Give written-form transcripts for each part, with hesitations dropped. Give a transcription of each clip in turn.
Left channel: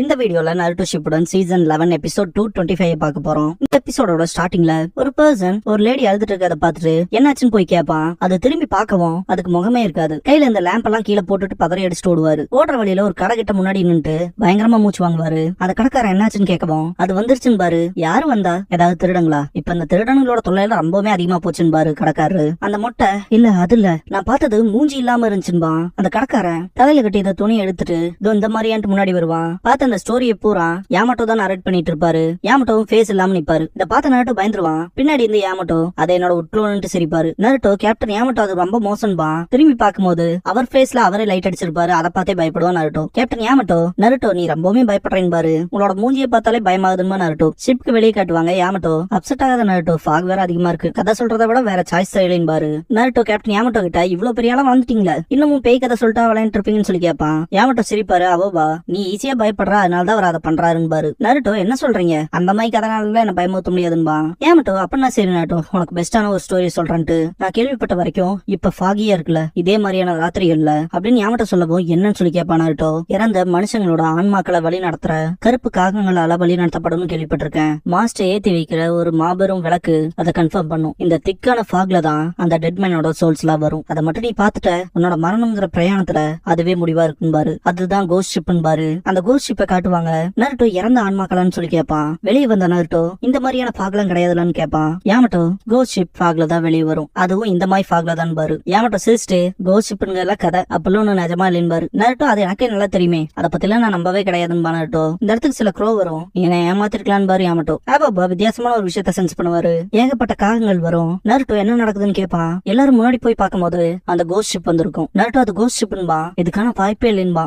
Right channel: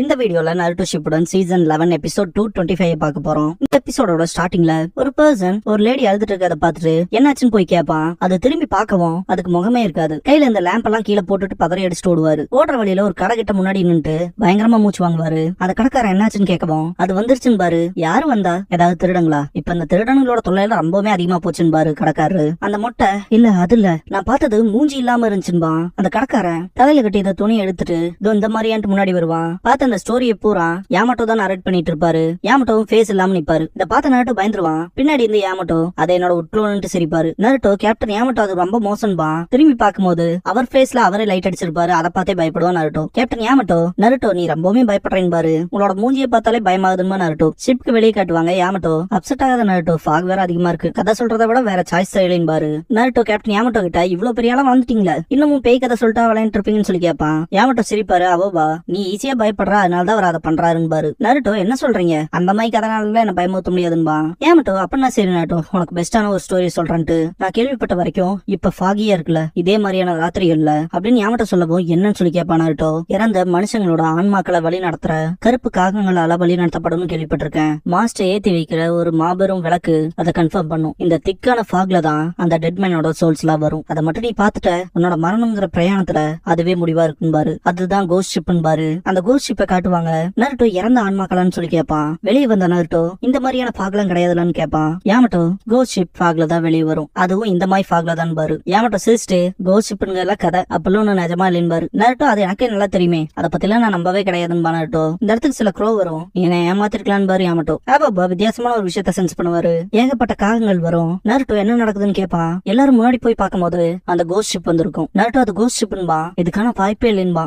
இந்த வீடியோல Naruto Shippuden season 11 episode 225 பார்க்க போறோம். இந்த எபிசோடோட ஸ்டார்டிங்ல ஒரு பர்சன் ஒரு லேடி அழுதுட்டு இருக்கத பார்த்துட்டு என்னாச்சுன்னு போய் கேட்பான். அது திரும்பி பார்க்கவும் அதுக்கு முகமே இருக்காது. கையில இந்த லேம்ப் எல்லாம் கீழே போட்டுட்டு பதறி அடிச்சுட்டு ஓடுவாரு. ஓடுற வழியில ஒரு கடை கிட்ட முன்னாடி நின்னுட்டு பயங்கரமா மூச்சு வாங்குவாரு. அந்த கடைக்காரன் என்னாச்சுன்னு கேட்கவும் அது வந்துருச்சுன்னு பாரு. யாரு வந்தா? ஏதாவது திருடங்களா? இப்ப இந்த திருடங்களோட தொல்லையில ரொம்பவே அதிகமா போச்சுன்னு பாரு கடைக்காரரு. அந்த மொட்டை இல்ல அது இல்ல, நான் பார்த்தது மூஞ்சி இல்லாம இருந்துச்சுன்பா. அந்த கடைக்காரன் தலையில கட்டி இதை துணி எடுத்துட்டு இந்த மாதிரியான்ட்டு முன்னாடி வருவான். பார்த்து அந்த ஸ்டோரியை பூரா யாமட்டோ தான் நரேட் பண்ணிட்டு இருப்பாரு. யாமட்டோவும் ஃபேஸ் இல்லாம நிப்பாரு. இத பார்த்த நருட்டோ பயந்துருவான். பின்னாடி இருந்து யாமட்டோ அதை என்னோட உட்லோன்ட்டு சிரிப்பாரு. நருட்டோ கேப்டன் யாமட்டோ அது ரொம்ப மோசன்பா. திரும்பி பார்க்கும்போது அவர் ஃபேஸ்ல அவரே லைட் அடிச்சிருப்பாரு. அதை பார்த்தே பயப்படுவான் நருட்டோ. கேப்டன் யாமட்டோ நருட்டோ நீ ரொம்பவே பயப்படுறேன்னு பாரு, உங்களோட மூஞ்சியை பார்த்தாலே பயமாகுதுன்னு நருட்டோ ஷிப்க்கு வெளியே காட்டுவாங்க. யாமட்டோ அப்செட் ஆகாத நருட்டோ, ஃபாக் வேற அதிகமா இருக்கு, கதை சொல்றதை விட வேற சாய்ஸ் இல்லைன்னு பாரு. நருட்டோ கேப்டன் யாமட்டோ கிட்ட இவ்வளவு பெரிய ஆளா வந்துட்டீங்களா, இன்னமும் பேய் கதை சொல்லிட்டா விளையாண்டு இருப்பீங்கன்னு சொல்லி கேட்பான். யாமட்டோ சிரிப்பாரு. அவோபா நீ ஈஸியா பயப்படுற, அதனாலதான் அவர் அதை பண்றாருன்னு பாரு. நருட்டோ என்ன சொல்றீங்க, அந்த மாதிரி கதனால என்ன பயமுறுத்த முடியாதுன்பா. யாமட்டோ அப்படின்னா சரி நருட்டோ, உனக்கு பெஸ்டான ஒரு ஸ்டோரி சொல்றேன்ட்டு நான் கேள்விப்பட்ட வரைக்கும் இப்ப ஃபாகியா இருக்குல்ல, இதே மாதிரியான ராத்திரிகள்ல அப்படின்னு யாமட்டோ சொல்லவும் என்னன்னு சொல்லி கேட்பான் நருட்டோ. இறந்த மனுஷங்களோட ஆன்மாக்களை வழி நடத்துற கருப்பு காகங்களால வழி நடத்தப்படும் கேள்விப்பட்டிருக்கேன். மாஸ்டர் ஏத்தி வைக்கிற ஒரு மாபெரும் விளக்கு அதை கன்ஃபார்ம் பண்ணும். இந்த திக்கான ஃபாக்ல தான் அந்த டெட்மேனோட சோல்ஸ் எல்லாம் வரும். அதை மட்டும் நீ பாத்துட்ட உன்னோட மரணம்ங்கிற பிரயாணத்துல அதுவே முடிவா இருக்கும் பாரு. அதுதான் கோஸ்ட் ஷிப்னு பாரு. அந்த கோஸ்ட் ஷிப்பை காட்டுவாங்க. நருட்டோ இறந்த ஆன்மாக்களான்னு சொல்லி கேட்பான். வெளியே வந்த நருட்டோ இந்த மாதிரியான ஃபாக்லாம் கிடையாதுன்னு கேட்பான். யாமட்டோ கோஸ்ட் ஷிப் ஃபாக்ல தான் வெளியே வரும், அதுவும் இந்த மாதிரி ஃபாக்ல தான் பாரு. யாமட்டோ சிரிச்சிட்டு கோஸ்ட் ஷிப்னுங்க கதை அப்பெல்லாம் ஒண்ணு நிஜமா இல்லைன்னு பாரு. நருட்டோ அது எனக்கே நல்லா தெரியுமே, அதை பத்திலாம் நான் நம்பவே கிடையாதுன்னு நருட்டோ. இந்த இடத்துக்கு சில க்ரோ வரும், என்ன ஏமாத்திருக்கலான்னு பாரு. யாமட்டோ ஆபாபா வித்தியாசமான ஒரு விஷயத்த சென்ஸ் பண்ணுவாரு. ஏகப்பட்ட காகங்கள் வரும். நருட்டோ என்ன நடக்குதுன்னு கேட்பான். எல்லாரும் முன்னாடி போய் பார்க்கும்போது அந்த கோஸ்ட் ஷிப் வந்திருக்கும். நருட்டோ அது கோஸ்ட் ஷிப்ன்பா, இதுக்கான வாய்ப்பே இல்லைன்பா.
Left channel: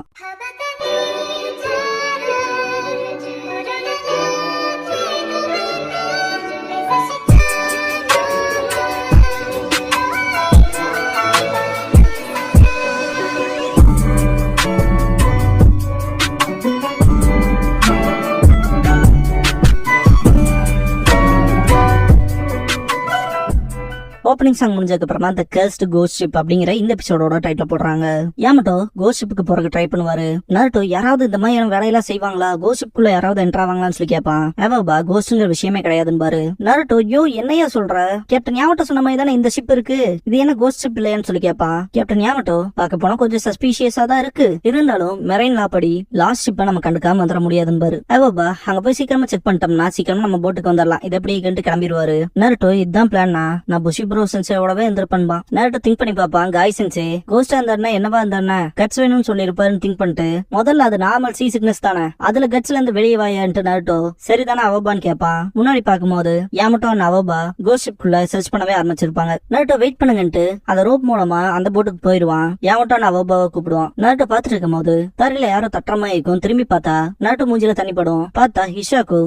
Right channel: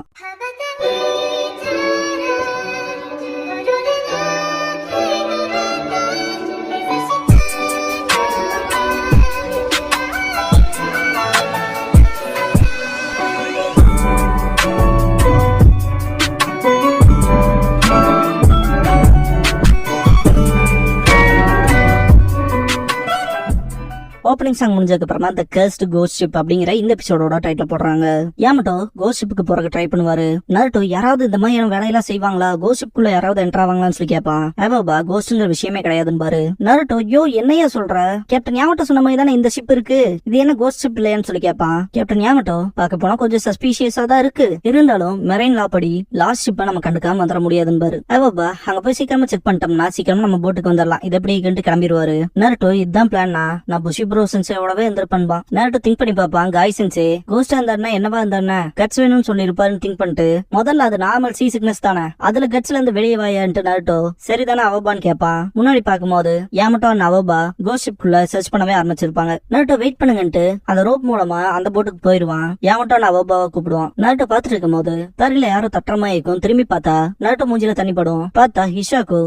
ஓப்பனிங் சாங் முடிஞ்சதுக்கு அப்புறமா தி கர்ஸ்ட் கோஸ்ட் ஷிப் அப்படிங்கிற இந்த எபிசோடோட டைட்டில் போடுறாங்க. யாமட்டோ கோஸ்ட் ஷிப்புக்கு போறதுக்கு ட்ரை பண்ணுவாரு. நருட்டோ யாராவது இந்த மாதிரி வேலையெல்லாம் செய்வாங்களா, கோஸ்ட் ஷிப்புக்குள்ள யாராவது என்டர் ஆவாங்களான்னு சொல்லி கேட்பான். ஏவாபா கோஸ்ட்ங்கிற விஷயமே கிடையாதுன்னு பாரு. நருட்டோ யோ என்னையா சொல்ற, கேப்டன் யாமட்டோ சொன்ன மாதிரி தானே இந்த ஷிப் இருக்கு, இது என்ன கோஸ்ட் ஷிப் இல்லையான்னு சொல்லி கேட்பான். கேப்டன் யாமட்டோ பார்க்க போனா கொஞ்சம் சஸ்பீஷியஸா தான் இருக்கு, இருந்தாலும் மெரைன் லா படி லாஸ்ட் ஷிப்பை நம்ம கண்டுக்காம வந்துட முடியாதுன்னு பாரு. ஏவாபா அங்க போய் சீக்கிரமா செக் பண்ணிட்டோம்னா சீக்கிரமா நம்ம போட்டுக்கு வந்துடலாம், இது எப்படி கிளம்பிடுவாரு. நருட்டோ இதுதான் பிளான்னா நான் புஷி ப்ரோ சென்சேவோடவே இருந்திருப்பான். நருட்டோ திங்க் பண்ணி பாப்பான். காய் சென்சே கோஸ்டா இருந்தாருன்னா என்னவா இருந்தாருன்னா கட்ஸ் வேணும்னு சொல்லி இருப்பாருன்னு திங்க் பண்ணிட்டு முதல்ல அது நார்மல் சி சிக்னஸ் தானே, அதுல கட்ஸ்ல இருந்து வெளியே வாயான்ட்டு நருட்டோ சரிதானே அவபான்னு கேட்பான். முன்னாடி பாக்கும்போது யாமட்டோ அவபா கோஸ்ட் ஷிப்குள்ள சர்ச் பண்ணவே ஆரம்பிச்சிருப்பாங்க. நருட்டோ வெயிட் பண்ணுங்கன்ட்டு அந்த ரோப் மூலமா அந்த போட்டுக்கு போயிருவான். யாமட்டோ அவபாவை கூப்பிடுவான். நருட்டோ பாத்துட்டு இருக்கும் போது தரையில யாரோ தட்டமா இருக்கும். திரும்பி பார்த்தா நருட்டோ மூஞ்சில தண்ணி படும். பார்த்தா ஹிஷாக்கு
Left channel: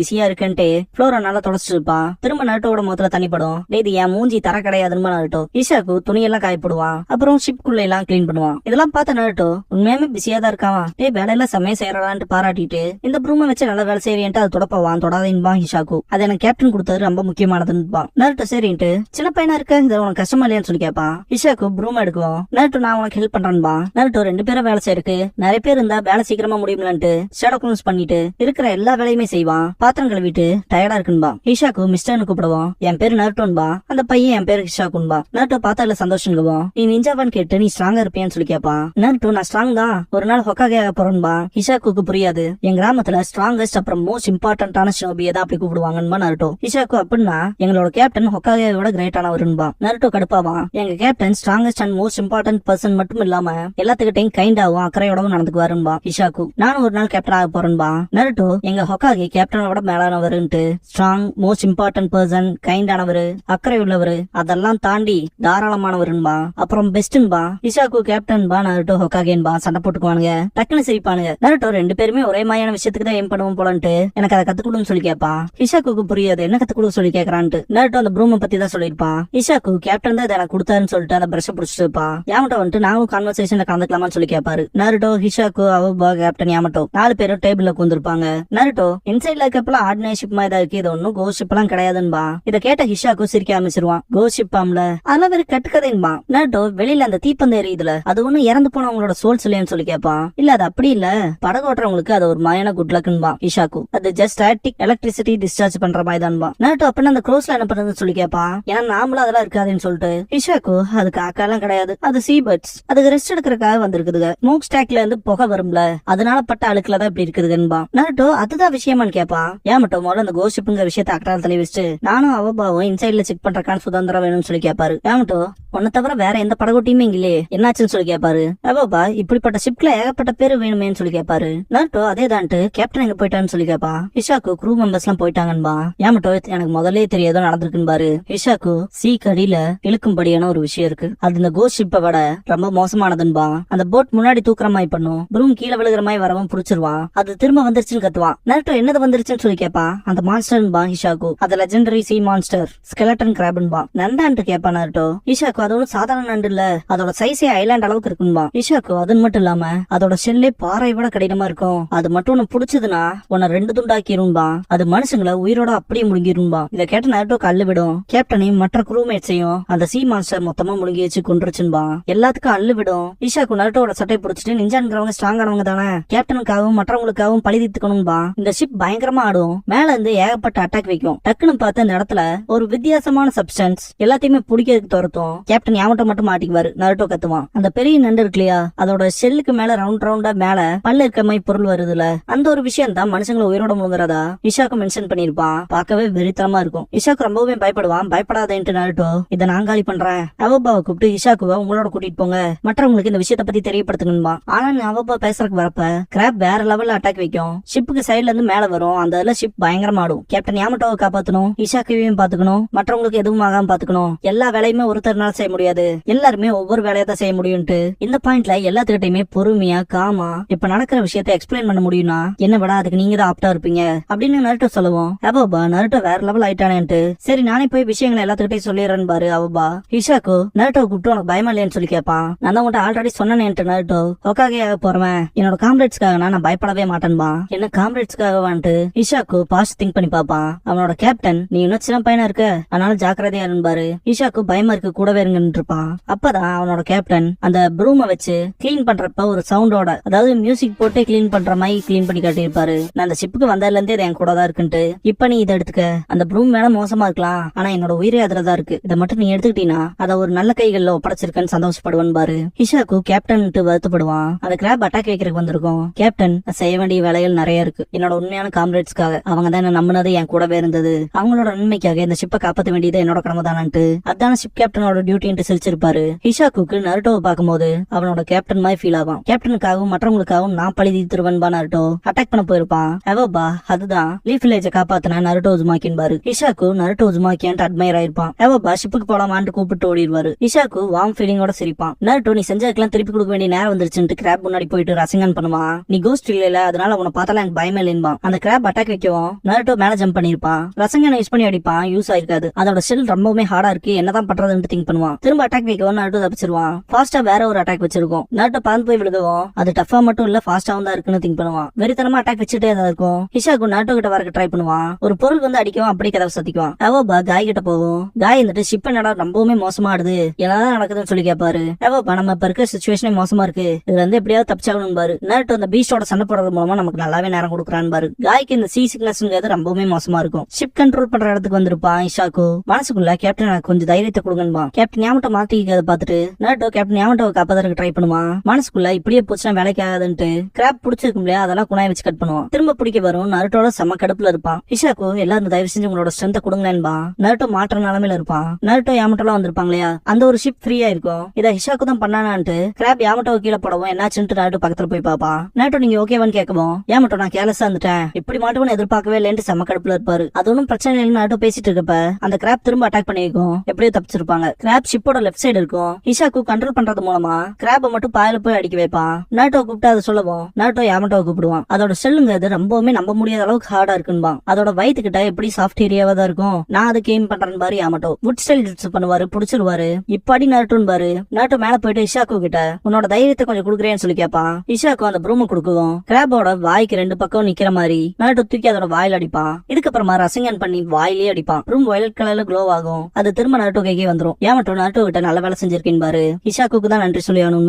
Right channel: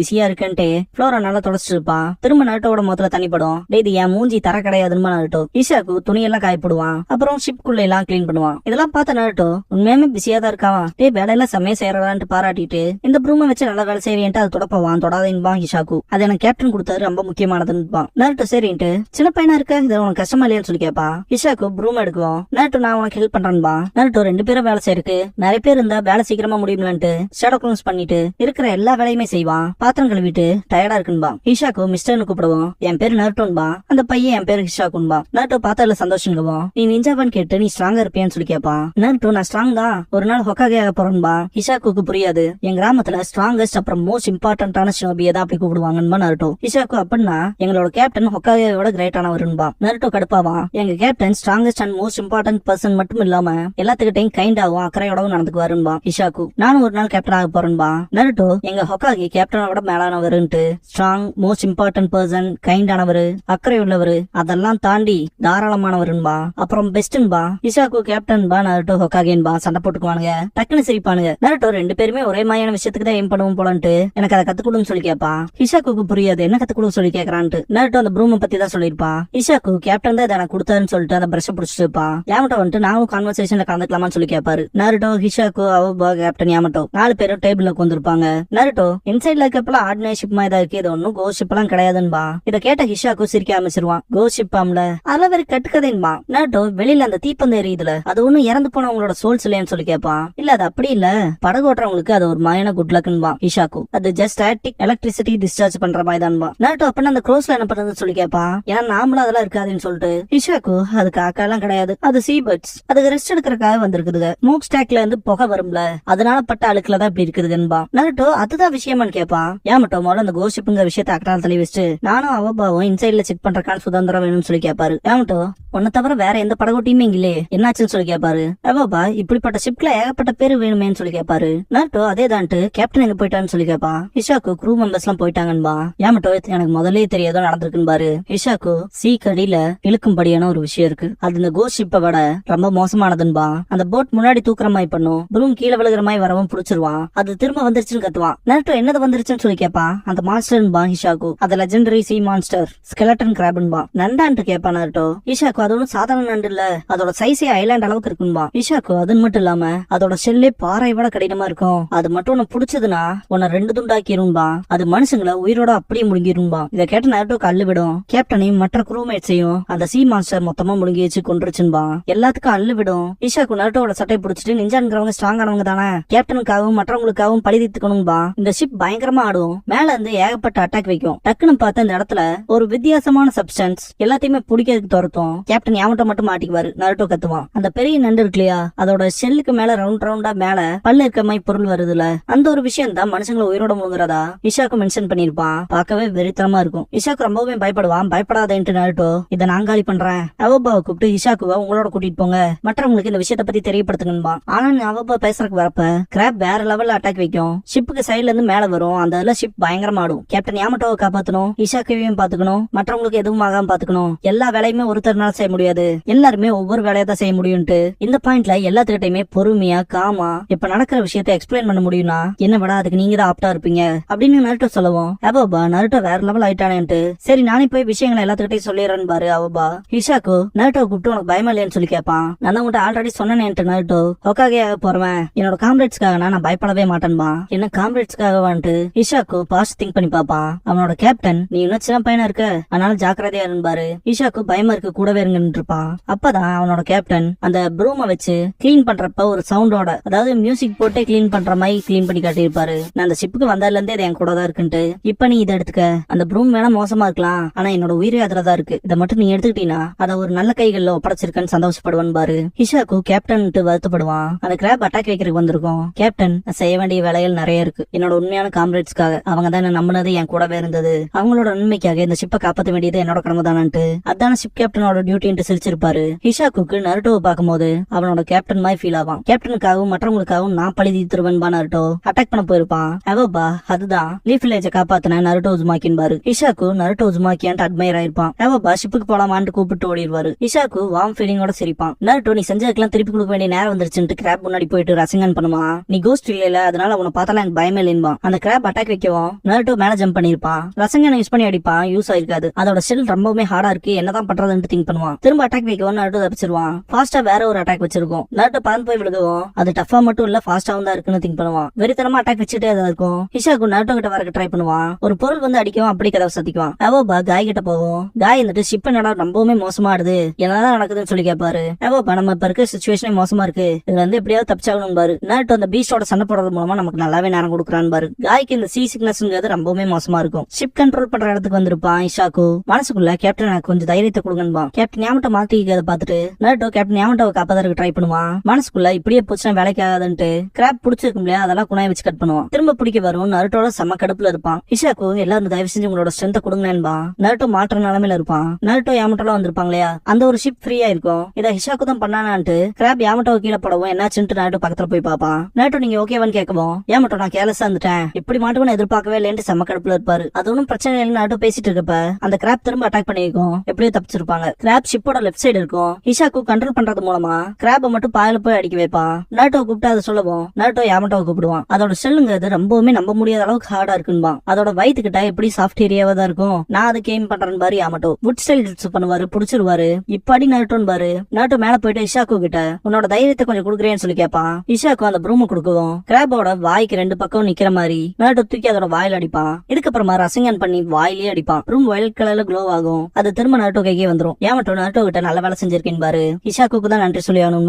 பிஸியா இருக்குன்ட்டு ஃப்ளோரை நல்லா தொடச்சிட்டு இருப்பான். திரும்ப நருட்டோட முகத்துல தண்ணி படும். இது என் மூஞ்சி தர கிடையாதுன்னு நருட்டோ இஷாக்கு துணியெல்லாம் காயப்படுவான். அப்புறம் ஷிப்குள்ள எல்லாம் கிளீன் பண்ணுவான். இதெல்லாம் பார்த்த நருட்டோ உண்மையுமே பிஸியா தான் இருக்கான். வேலையெல்லாம் செம்மையா செய்யறான்ட்டு பாராட்டிட்டு இந்த ப்ரூமை வச்சு நல்லா வேலை செய்வேன்ட்டு அதை தொடப்பவான். தொடாதேன்பான் ஹிஷாக்கு. அது எனக்கு கேப்டன் கொடுத்தது ரொம்ப முக்கியமானதுன்னு நருட்டோ சரின்ட்டு சின்ன பையனா இருக்க இதை உனக்கு கஷ்டமா இல்லையான்னு சொல்லி கேட்பான். ஹிஷாக்கு ப்ரூம் எடுக்குவோம். நருட்டோ நான் உனக்கு ஹெல்ப் பண்றான்பா. நருட்டோ 2 பேரும் வேலை செய்யறதுக்கு நிறைய பேர் இருந்தா வேலை சீக்கிரமா முடியும்லான்ட்டு ஷேடோ க்ளோஸ் பண்ணிட்டு இருக்கிற எல்லா வேலையுமே செய்வான். பாத்திரம் கழுவிட்டு டயர்டா இருக்குன்பா. ஹிஷாக்கு மிஸ்டர்னு கூப்பிடுவோம். என் பேரு நருட்டோன்பா, அந்த பையன் என் பேரு ஹிஷாக்குன்பா. நருட்டோ பார்த்ததுல சந்தோஷங்குவோம். நீ நிஞ்சாவான்னு கேட்டு நீ ஸ்ட்ராங்கா இருப்பியான்னு சொல்லி கேட்பான். நருட்டோ நான் ஸ்ட்ராங் தான், ஒரு நாள் ஹொக்காகே போறேன்பா. ஹிஷாக்கு புரியாது, என் கிராமத்துல ஸ்ட்ராங்கஸ்ட் அப்புறம் மோஸ்ட் இம்பார்ட்டன்டான ஷோபியை தான் அப்படி கூப்பிடுவாங்கன்னு நருட்டோ. ஹிஷாக்கு அப்படின்னா எங்களோட கேப்டன் ஹொக்காகே விட கிரேட்டானவருன்பா. நருட்டோ கடுப்பாவான். எங்க captain strongest and most important person மட்டும் இல்லாம எல்லாத்துக்கிட்டையும் கைண்டாவும் அக்கறையோடவும் நடந்துக்குவாருன்பா. ஹிஷாக்கு நான் ஒரு நாள் கேப்டன் ஆக போறேன்பா. நருட்டோ எங்க ஹொக்காகி கேப்டனோட மேலானவருன்ட்டு ஸ்ட்ராங் மோஸ்ட் இம்பார்ட்டன்ட் பர்சன் கைண்டானவரு அக்கறை உள்ளவரு அதெல்லாம் தாண்டி தாராளமானவருன்பா. அப்புறம் பெஸ்ட்ன்பா. ஹிஷாக்கு கேப்டன்பா, நருட்டோ ஹொக்காகேன்பா. சண்டை போட்டுக்குவானுங்க. டக்குன்னு சிரிப்பானுங்க. நருட்டோ 2 பேருமே ஒரே மாதிரியான விஷயத்துக்கு தான் ஏம் பண்ணுவோம் போலன்ட்டு எனக்கு அதை கத்துக்கணும்னு சொல்லி கேட்பான். ஹிஷாக்கு புரியாது, என்ன கத்துக்கணும் சொல்லி கேக்குறான்ட்டு. நருட்டோ அந்த ப்ரூமை பத்தி தான் சொல்லிருப்பான். ஹிஷாக்கு கேப்டன் தான் எனக்கு கொடுத்தாருன்னு சொல்லிட்டு அந்த பிரஷ் பிடிச்சிட்டு இருப்பான். யாமட்டோ வந்துட்டு நாங்களும் கான்வர்சேஷன்ல கலந்துக்கலாமான்னு சொல்லி கேட்பாரு. நருட்டோ ஹிஷாக்கு அவபா கேப்டன் யாமட்டோ 4 பேரும் டேபிள்ல உட்கார்ந்திருப்பாங்க. நருட்டோ இன்சைட்ல இருக்கப்பல ஆர்டினரி ஷிப் மாதிரி தான் இருக்கு, இது ஒன்னும் கோஸ்ட் ஷிப் எல்லாம் கிடையாதுன்பா. இதை கேட்ட ஹிஷாக்கு சிரிக்க ஆரம்பிச்சிருவான். கோஸ்ட் ஷிப் ஆம்ல அதெல்லாம் வேற கட்டுக்கதைன்பா. நருட்டோ வெளியில அந்த தீப்பந்தம் எரியுதுல அது ஒண்ணும் இறந்து போனவங்களோட சோல்ஸ் இல்லைன்னு சொல்லி கேட்பான். இல்ல அது அப்படி இல்ல, படகு ஓட்டுறவங்களுக்கு அது ஒரு மாயான குட் லக்ன்பா இஷாக்கு. அது ஜஸ்ட் ஸ்டாட்டிக் எலக்ட்ரிசிட்டி டிஸ்சார்ஜ் பண்ற மாதிரி தான்பா. நருட்டோ அப்ப அந்த க்ரோஸ்ல என்ன பண்றதுன்னு சொல்லி கேட்பான். ஏன்னா நாமளும் அதெல்லாம் இருக்காதுன்னு சொல்லிட்டு இஷாக்கு அது காக்காலாம் கிடையாது, அது சீ பேர்ட்ஸ், அதுக்கு ரெஸ்ட் எடுக்கிறதுக்காக வந்திருக்குதுங்க. ஸ்மோக் ஸ்டாக்ல இருந்து புகை வரும்ல அதனால பட்ட அழுக்குலதான் இப்படி இருக்குதுன்பா. நருட்டோ அதுதான் விஷயமான்னு கேட்பான். ஏமட்டோ முதல்ல அந்த கோஸ்ட் ஷிப்ங்கிற விஷயத்தை அக்கறால தலை வச்சுட்டு நானும் அவபாவும் இன்சைட்ல செக் பண்றக்கான சுதந்திரம் வேணும்னு சொல்லி கேட்பாரு. ஏமட்டோ உன்னை தவிர வேற எந்த படகோட்டியுமே இல்லையே என்னாச்சுன்னு சொல்லி கேட்பாரு. அவபா இப்படிப்பட்ட ஷிப்ல ஏகப்பட்ட பேரு வேணுமேன்னு சொல்லி கேட்பாரு. நருட்டோ அதே தான்ட்டு கேப்டன் எங்க போயிட்டான்னு சொல்லி கேட்பான். இஷாக்கு க்ரூ மெம்பர்ஸ் எல்லாம் போயிட்டாங்கன்பா. ஏமட்டோ எனக்கு முதல்ல தெரியாதோ நடந்திருக்குன்னு பாரு. இஷாக்கு சீ கடியில இழுக்கும்படியான ஒரு விஷயம் இருக்கு, அது இந்த கோஸ்ட் ஷிப்பை விட ரொம்ப மோசமானதுன்பா. அந்த போட் முன்னாடி தூக்குற மாதிரி பண்ணும், ப்ரூம் கீழே விழுகிற மாதிரி வரவும் புடிச்சிருவான், அது திரும்ப வந்துருச்சுன்னு கத்துவான். நருட்டோ என்னது வந்துருச்சுன்னு சொல்லி கேட்பான். அந்த மான்ஸ்டர்ன்பா இஷாக்கு, அது லெஜெண்டரி சீ மான்ஸ்டர் ஸ்கெலட்டன் கிராப்ன்பா. நண்டான்ட்டு கேட்பான் நருட்டோ. இஷாக்கு அது ஒன்னும் சாதாரண நண்டு இல்ல, அதோட சைஸே ஐலாண்ட் அளவுக்கு இருக்குன்பா. இஷாக்கு அது மட்டும் இல்லாம அதோட ஷெல்லே பாறை விட கடினமா இருக்கும், அது மட்டும் உன்னை புடிச்சதுன்னா உன்னை 2 துண்டாக்கிரும்பா, அது மனுஷங்களை உயிரோட அப்படியே முழுங்கிரும்பா. இதை கேட்ட நருட்டோ கல்லு விடும். கேப்டனையும் மற்ற க்ரூமேட்ஸையும் அந்த சீ மான்ஸ்டர் மொத்தமா முழுங்கி வச்சு கொன்றுச்சுன்பா. எல்லாத்துக்கும் அள்ளு விடும். இஷாக்கு நருட்டோட சட்டை பிடிச்சிட்டு நிஞ்சான்கிறவங்க ஸ்ட்ராங் ஆனவங்க தானே, கேப்டனுக்காகவும் மற்றவங்களுக்காகவும் பழி தீர்த்துக்கணும்பா. இந்த ஷிப் பயங்கரமா ஆடும், மேல இருந்து ஏகப்பட்ட அட்டாக் வைக்கும். டக்குன்னு பார்த்து அந்த இடத்துல ஒரு வித்தியாசமான சப்ஸ்டன்ஸ் எல்லாத்தையுமே பிடிக்கிறதுக்கு துரத்தும். கேப்டன் யாமட்டோ மட்டும் மாட்டிக்குவாரு. நருட்டோ கத்துவான். அந்த பெரிய நண்டு இருக்கு இல்லையா, அதோட ஷெல்லுக்கு மேல ரவுண்ட் ரவுண்டா மேல பல்லு இருக்க மாதிரி பொருள் வருதுல, அந்த ஒரு விஷயம் தான் மனுஷங்களை உயிரோட முழுங்குறதா இஷாக்கு மென்ஷன் பண்ணிருப்பான். பார்க்கவே வெறித்தனமா இருக்கும். இஷாக்கு ரொம்பவே பயப்படுவான். பயப்படாதேன்ட்டு நருட்டோ இதை நான் காலி பண்றேன், அவபாவை கூப்பிட்டு இஷாக்குவை உங்களோட கூட்டிட்டு போங்க, மற்றவங்களுக்கு இந்த விஷயத்த பத்தி தெரியப்படுத்துங்கன்பா. ஆனா அவபா பேசுறதுக்கு வரப்ப கிராப் வேற லெவல்ல அட்டாக் வைக்கும். ஷிப்புக்கு சைட்ல இருந்து மேல வரும். அந்த இதுல ஷிப் பயங்கரமா ஆடும். கேப்டன் யாமட்டோவை காப்பாத்தணும், இஷாக்கையும் பாத்துக்கணும், மற்றவங்களுக்கு எதுவும் ஆகாம பாத்துக்கணும். எல்லா வேலையுமே ஒருத்தர்னால செய்ய முடியாது, எல்லாருமே ஒவ்வொரு வேலையா தான் செய்ய முடியும்ட்டு இந்த பாயிண்ட்ல எல்லாத்துக்கிட்டையுமே பொறுமையா காமா இப்ப நடக்கிற விஷயத்த எக்ஸ்பிளைன் பண்ண முடியும்னா என்ன விட அதுக்கு நீங்க தான் ஆப்டா இருப்பீங்க அப்படின்னு நருட்டோ சொல்லுவோம். அவபா நருட்டோ வேற லெவல் ஆயிட்டானேன்ட்டு சரி நானே போய் விஷயங்களை எல்லாத்துக்கிட்டையும் சொல்லிடுறேன்னு பாரு அவபா. இஷாக்கு நருட்டோ கூப்பிட்டு உனக்கு பயமா இல்லையான்னு சொல்லி கேட்பான். நான் தான் உன்கிட்ட ஆல்ரெடி சொன்னேன்ட்டு நருட்டோ ஒக்காகையாக போறவன் என்னோட காம்ரேட்ஸ்க்காக நான் பயப்படவே மாட்டேன்பா. என்ன காம்ரேட்ஸ்க்காக வந்துட்டு இஷாக்கு பாஸ்ட் திங்க் பண்ணி பாப்பான். அவனோட கேப்டன் நீ இன்னும் சின்ன பையனா இருக்க, அதனால ஜாக்கிரதையா இருப்பாரு. இஷாக்கு பயமா இருக்கு கூடவே இருங்கன்னு இருப்பான். அப்பதான் அவனோட கேப்டன் அந்த ப்ரூமை வச்சு கிளீன் பண்றப்ப ஒரு சவுண்டோட, அதாவது மியூசிக் போட்டே கிளீன் பண்ற மாதிரி கிளீன் பண்ணி காட்டியிருப்பாரு. நான் அந்த ஷிப்புக்கு வந்ததுல இருந்தே என் கூட தான் இருக்குன்ட்டு. இப்ப நீ இதை எடுத்துக்க, அந்த ப்ரூம் வேணா மோசமா இருக்கலாம், ஆனா என்னோட உயிரே அதுலதான் இருக்கு, இதை மட்டும் நீ எடுத்துக்கிட்டீங்கன்னா அதை ஒரு நல்ல கைகள்ல ஒப்படைச்சிருக்கன்னு சந்தோஷப்படுவான் பாரு. இஷாக்கு கேப்டன் வருத்தப்படுவான். அந்த கிராப் அட்டாக் வைக்கிறதுக்கு வந்திருக்கோம், கேப்டன் செய்ய வேண்டிய வேலைகள் நிறைய இருக்கு, என்னோட உண்மையான காம்ரேட்ஸ்க்காக, அவங்க தான் என்ன நம்பினது என் கூடவே இருந்தது, அவங்களோட நன்மைக்காக இந்த ஷிப்பை காப்பாற்ற வேண்டியது என்னோட கடமை தானன்ட்டு அதான ஷிப் கேப்டனோட டியூட்டின்ட்டு சிரிச்சிருப்பாரு. இஷாக்கு நருட்டோவை பார்க்கும்போது அவனோட கேப்டன் மாதிரி ஃபீல் ஆவான். கேப்டனுக்காகவும் மற்றவங்களுக்காகவும் நான் பழி தீர்த்துருவன்பா. நருட்டோ அட்டாக் பண்ண போயிருப்பான். அவபா அதுதான் லீஃப் வில்லேஜை காப்பாத்தின நருட்டோ உசுமாக்கின் பாரு. இஷாக்கு நருட்டோ உசுமாக்கியான்ட்டு அட்மையர் ஆயிருப்பான். அவபா ஷிப்புக்கு போலாமான்னு கூப்பிட்டு ஓடிடுவாரு. இஷாக்கு வார்ம் ஃபீலிங்கோட சிரிப்பான். நருட்டோ நீ செஞ்சதுக்கெல்லாம் திருப்பி கொடுக்க வேண்டிய நேரம் வந்துருச்சுன்னு கிராப் முன்னாடி போயிட்டு ரசிங்கன் பண்ணுவான். நீ கோஸ்ட் இல்ல, அதனால உன்னை பார்த்தாலும் எனக்கு பயமே இல்லைன்பா. அந்த கிராப் அட்டாக் வைக்கவும் நருட்டோ மேல ஜம்ப் பண்ணிருப்பான். ரசங்கனை யூஸ் பண்ணி அடிப்பான், யூஸ் ஆயிருக்காது. அதோட ஷெல் ரொம்பவே ஹார்டா இருக்கு, என்னதான் பண்றதுன்னு திங்க் பண்ணுவான். திரும்ப அட்டாக் வைக்கவும் நருட்டோ தப்பிச்சிருவான். ஃபாஸ்டா வேற ஒரு அட்டாக் வச்சிருக்கும். நருட்டோ பறந்து போய் விழுகவும் அது டஃபா மட்டும் இல்ல ஃபாஸ்டாவும் தான் இருக்குன்னு திங்க் பண்ணுவான். வெறித்தனமா அட்டாக் வச்சுட்டே தான் இருக்கும். இஷாக்கு நருட்டோ கிட்ட வரக்கு ட்ரை பண்ணுவான். ஒரு பொருள் வந்து அடிக்கவும் அப்படியே கதவை சத்திக்குவான். அவபா காய் கிட்ட போகும். காய் வந்துட்டு ஷிப் என்னடா ரொம்பவுமே மோசமா ஆடுது, என்னதான் நடக்குதுன்னு சொல்லி கேட்பாரு. அவபா நம்ம இப்ப இருக்க சிச்சுவேஷனே மோசமா இருக்கு, இதுல இருந்து எப்படியாவது தப்பிச்சாகணும் பாரு. நருட்டோ அந்த பீஸ்டோட சண்டை போடுறது மூலமா நமக்கு நல்லாவே நேரம் கொடுக்குறான்னு பாரு. காய்க்கு இந்த சீ சிக்னஸ்ங்கிறது ரொம்பவுமே மோசமா இருக்கும். ஷிப் கண்ட்ரோல் பண்ற இடத்துக்கு வந்திருப்பான். இஷாக்கு மனசுக்குள்ள கேப்டன் எனக்கு கொஞ்சம் தைரியத்தை கொடுங்கன்பா. கேப்டன் யாமட்டோ மாத்திக்கிறத பார்த்துட்டு நருட்டோ கேப்டன் யாமட்டோவை காப்பாதற்கு ட்ரை பண்ணுவான். மனசுக்குள்ள இப்படியே போச்சுன்னா வேலைக்கு ஆகாதுன்ட்டு கிராப் பிடிச்சிருக்கும் இல்லையா, அதெல்லாம் குணாய் வச்சு கட் பண்ணுவான். திரும்ப பிடிக்க வரும். நருட்டோட செம கடுப்புல இருப்பான். இஷாக்கு எல்லாரும் தயவு செஞ்சு உங்களோட ஸ்ட்ரென்த்தை கொடுங்களேன்பா. நருட்டோ மாற்ற நிலைமையில இருப்பான். நருட்டோ யாமட்டோலாம் வந்திருப்பாங்க இல்லையா, அந்த ஒரு ஷிப் ஃப்ரீயா இருக்கும். இதை இஷாக்கு தான் பண்ணானான்ட்டு கிராப் யாமட்டோவை கீழே போடவும் என்னாச்சுன்ட்டு நருட்டோ பக்கத்துல போய் பாப்பான். நருட்டோ நீங்க ஓகேவான்னு கேட்கவும் யாமட்டோ நான் கேர்லெஸ்ஸா இருந்துட்டேன், இப்படி மாட்டோன்னு எதிர்பார்க்கவே இல்லைன்னு செம கடுப்புல இருப்பாரு. அது ஒன்னும் பிரச்சனை இல்லைன்னு நருட்டோ பேசிட்டு இருக்கப்ப அந்த கிராப் திரும்ப அட்டாக் பண்ணிருக்கும். எப்படியோ தப்பிச்சிருப்பாங்க. கிராப் ஷிப்போட லெஃப்ட் சைடு இருக்கும். இஷாக்கு கண்ட்ரோல் பண்றது மூலமா கிராப்பை மட்டும் பாயில போய் அடிக்க வைப்பான். நருட்டோ கூப்பிட்டு அதை சொல்லவும் நருட்டோ யாமட்டோவை கூப்பிடுவான். அதோட செல்லுங்கிறது ரொம்பவுமே நம்ப முடியாத அளவுக்கு ஹார்டா இருக்குன்பா. அதோட வயிற்றுக்கிட்ட எப்படி சாஃப்ட் ஏரியாவா தான் இருக்கும். நான் அதை கேம் பண்றேன் பாரு. யாமட்டோ வுட் ஸ்டைல் யூஸ் பண்ணுவாரு, புடிச்சிருவாரு. இப்படி நருட்டோன்னு பாரு. நருட்டோ மேல போயிட்டு இஷாக்கு கிட்ட உன்னோட தைரியத்தை கொஞ்சம் குடுக்குறேன்னு சொல்லி கேட்பான். இஷாக்கு அந்த ப்ரூம் கொடுக்குவோம். கிராபோட வாய்க்கு 2 பக்கம் நிக்கிற மாதிரி நருட்டோ தூக்கி அதோட வாயில அடிப்பான். இதுக்கப்புறமா ரசிங்கன் பண்ணி வாயிலே அடிப்பான். ப்ரூம் வயலட் கலர்ல க்ளோ க்ளோ ஆகும். அது திரும்ப நாருட்டோ கைக்கே வந்துரும். யாமட்டோ நாருட்டோ கிட்ட நல்ல வேலை செஞ்சிருக்கேன் பாரு, ஹிஷாக்குக்கு தான் நன்றி சொல்லி ஆகணும்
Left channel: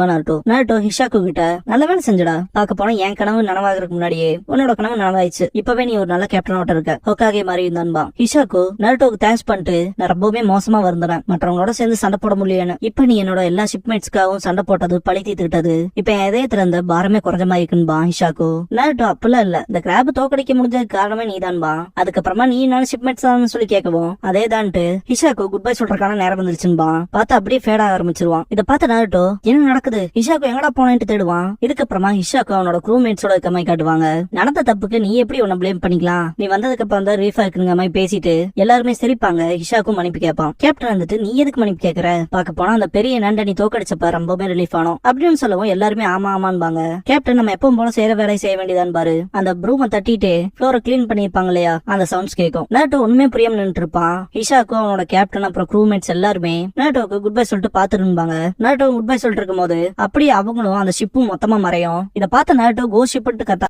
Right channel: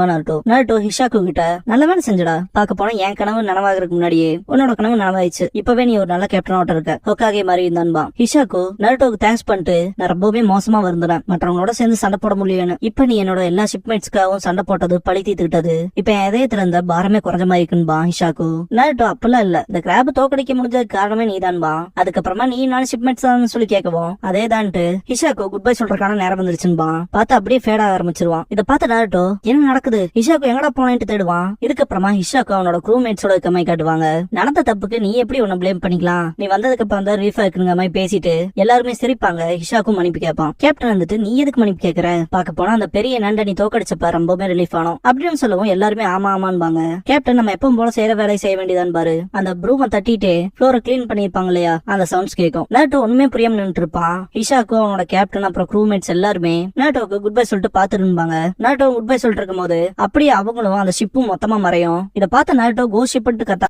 நாருட்டோ ஹிஷாக்கு கிட்ட நல்ல வேலை செஞ்சடா, பாக்க போனா என் கனவு நனவாகிறதுக்கு முன்னாடியே உன்னோட கனவு நனவாயிடுச்சு, இப்பவே நீ ஒரு நல்ல கேப்டனோட இருக்க, ஹோக்காகே மாதிரி இருந்தான்பா. ஹிஷாக்கு நாருட்டோக்கு தேங்க்ஸ் பண்ணிட்டு நான் ரொம்பவே மோசமா வருந்தேன், மற்றவங்களோட சேர்ந்து சண்டை போட முடியலன்னு. இப்ப நீ என்னோட எல்லா ஷிப்மேட்ஸ்க்காகவும் சண்டை போட்டது பழி தீர்த்துக்கிட்டது, இப்ப என் இதயத்துல இருந்த பாரமே குறைஞ்ச மாதிரி இருக்குன்பா ஹிஷாக்கு. நாருட்டோ அப்பெல்லாம் இல்ல, இந்த கிராப் தோக்கடிக்க முடிஞ்சதுக்கு காரணமே நீதான்பா, அதுக்கப்புறமா நீ நாலு ஷிப்மேட்ஸ் தான் சொல்லி கேட்கவும் அதேதான்ட்டு ஹிஷாக்கு குட் பை சொல்றதுக்கான நேரம் வந்துருச்சுன்பா. பார்த்து அப்படியே ஃபேட் ஆக ஆரம்பிச்சிருவான். இதை பார்த்த நாருட்டோ என்ன நடக்குது, ஹிஷாக்கு எங்கடா போனேன்ட்டு தேடுவான். இதுக்கப்புறமா ஹிஷாக்கு அவனோட க்ரூமேட்ஸோட கம்மை காட்டுவாங்க. நடந்த தப்புக்கு நீ எப்படி உன்னை ப்ளேம் பண்ணிக்கலாம், நீ வந்ததுக்கு அப்புறம் வந்து ரீஃபா இருக்குங்க மாதிரி பேசிட்டு எல்லாருமே சிரிப்பாங்க. ஹிஷாக்கும் மன்னிப்பு கேட்பான். கேப்டன் வந்துட்டு நீ எதுக்கு மன்னிப்பு கேட்கற, பாக்க போனா அந்த பெரிய நண்டை நீ தோக்கடிச்சப்ப ரொம்பவே ரிலீஃப் ஆனோம் அப்படின்னு சொல்லவும் எல்லாருமே ஆமா ஆமான்பாங்க. கேப்டன் நம்ம எப்பவும் போல செய்யற வேலையை செய்ய வேண்டியதான் பாரு, அந்த ப்ரூமை தட்டிட்டு ஃப்ளோரை கிளீன் பண்ணிருப்பாங்க இல்லையா, அந்த சவுண்ட்ஸ் கேட்கும். நாருட்டோ உண்மையே புரியாம நின்று இருப்பான். ஹிஷாக்கும் அவனோட கேப்டன் அப்புறம் க்ரூமேட்ஸ் எல்லாருமே நாருட்டோக்கு குட் பை சொல்லிட்டு பாத்துருப்பாங்க. நாருட்டோ குட் பை சொல்லிட்டு இருக்கும் போது அப்படியே அவங்களும் அந்த ஷிப்பும் மொத்தமா மறையும். இதை பார்த்த நாருட்டோ கோஸ்ட் ஷிப்னு கத்தா.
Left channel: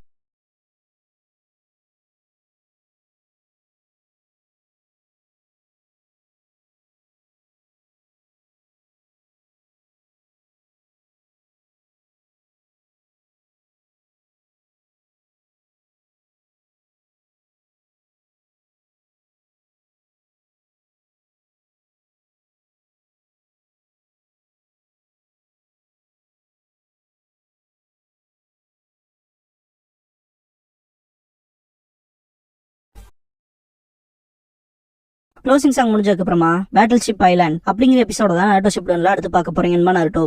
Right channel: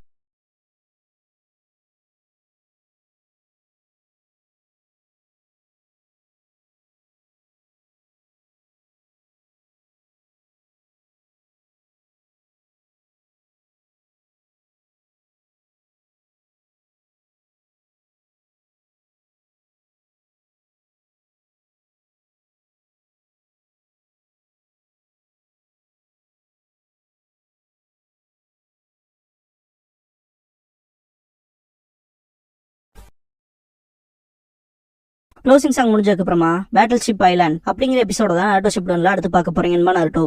க்ளோசிங் சாங் முடிஞ்சதுக்கு அப்புறமா பேட்டில் ஷிப் ஐலாண்ட் அப்படிங்கிற எபிசோட தான் நாருட்டோ ஷிப்டன்ல அடுத்து பார்க்க போறீங்கன்னு நாருட்டோ.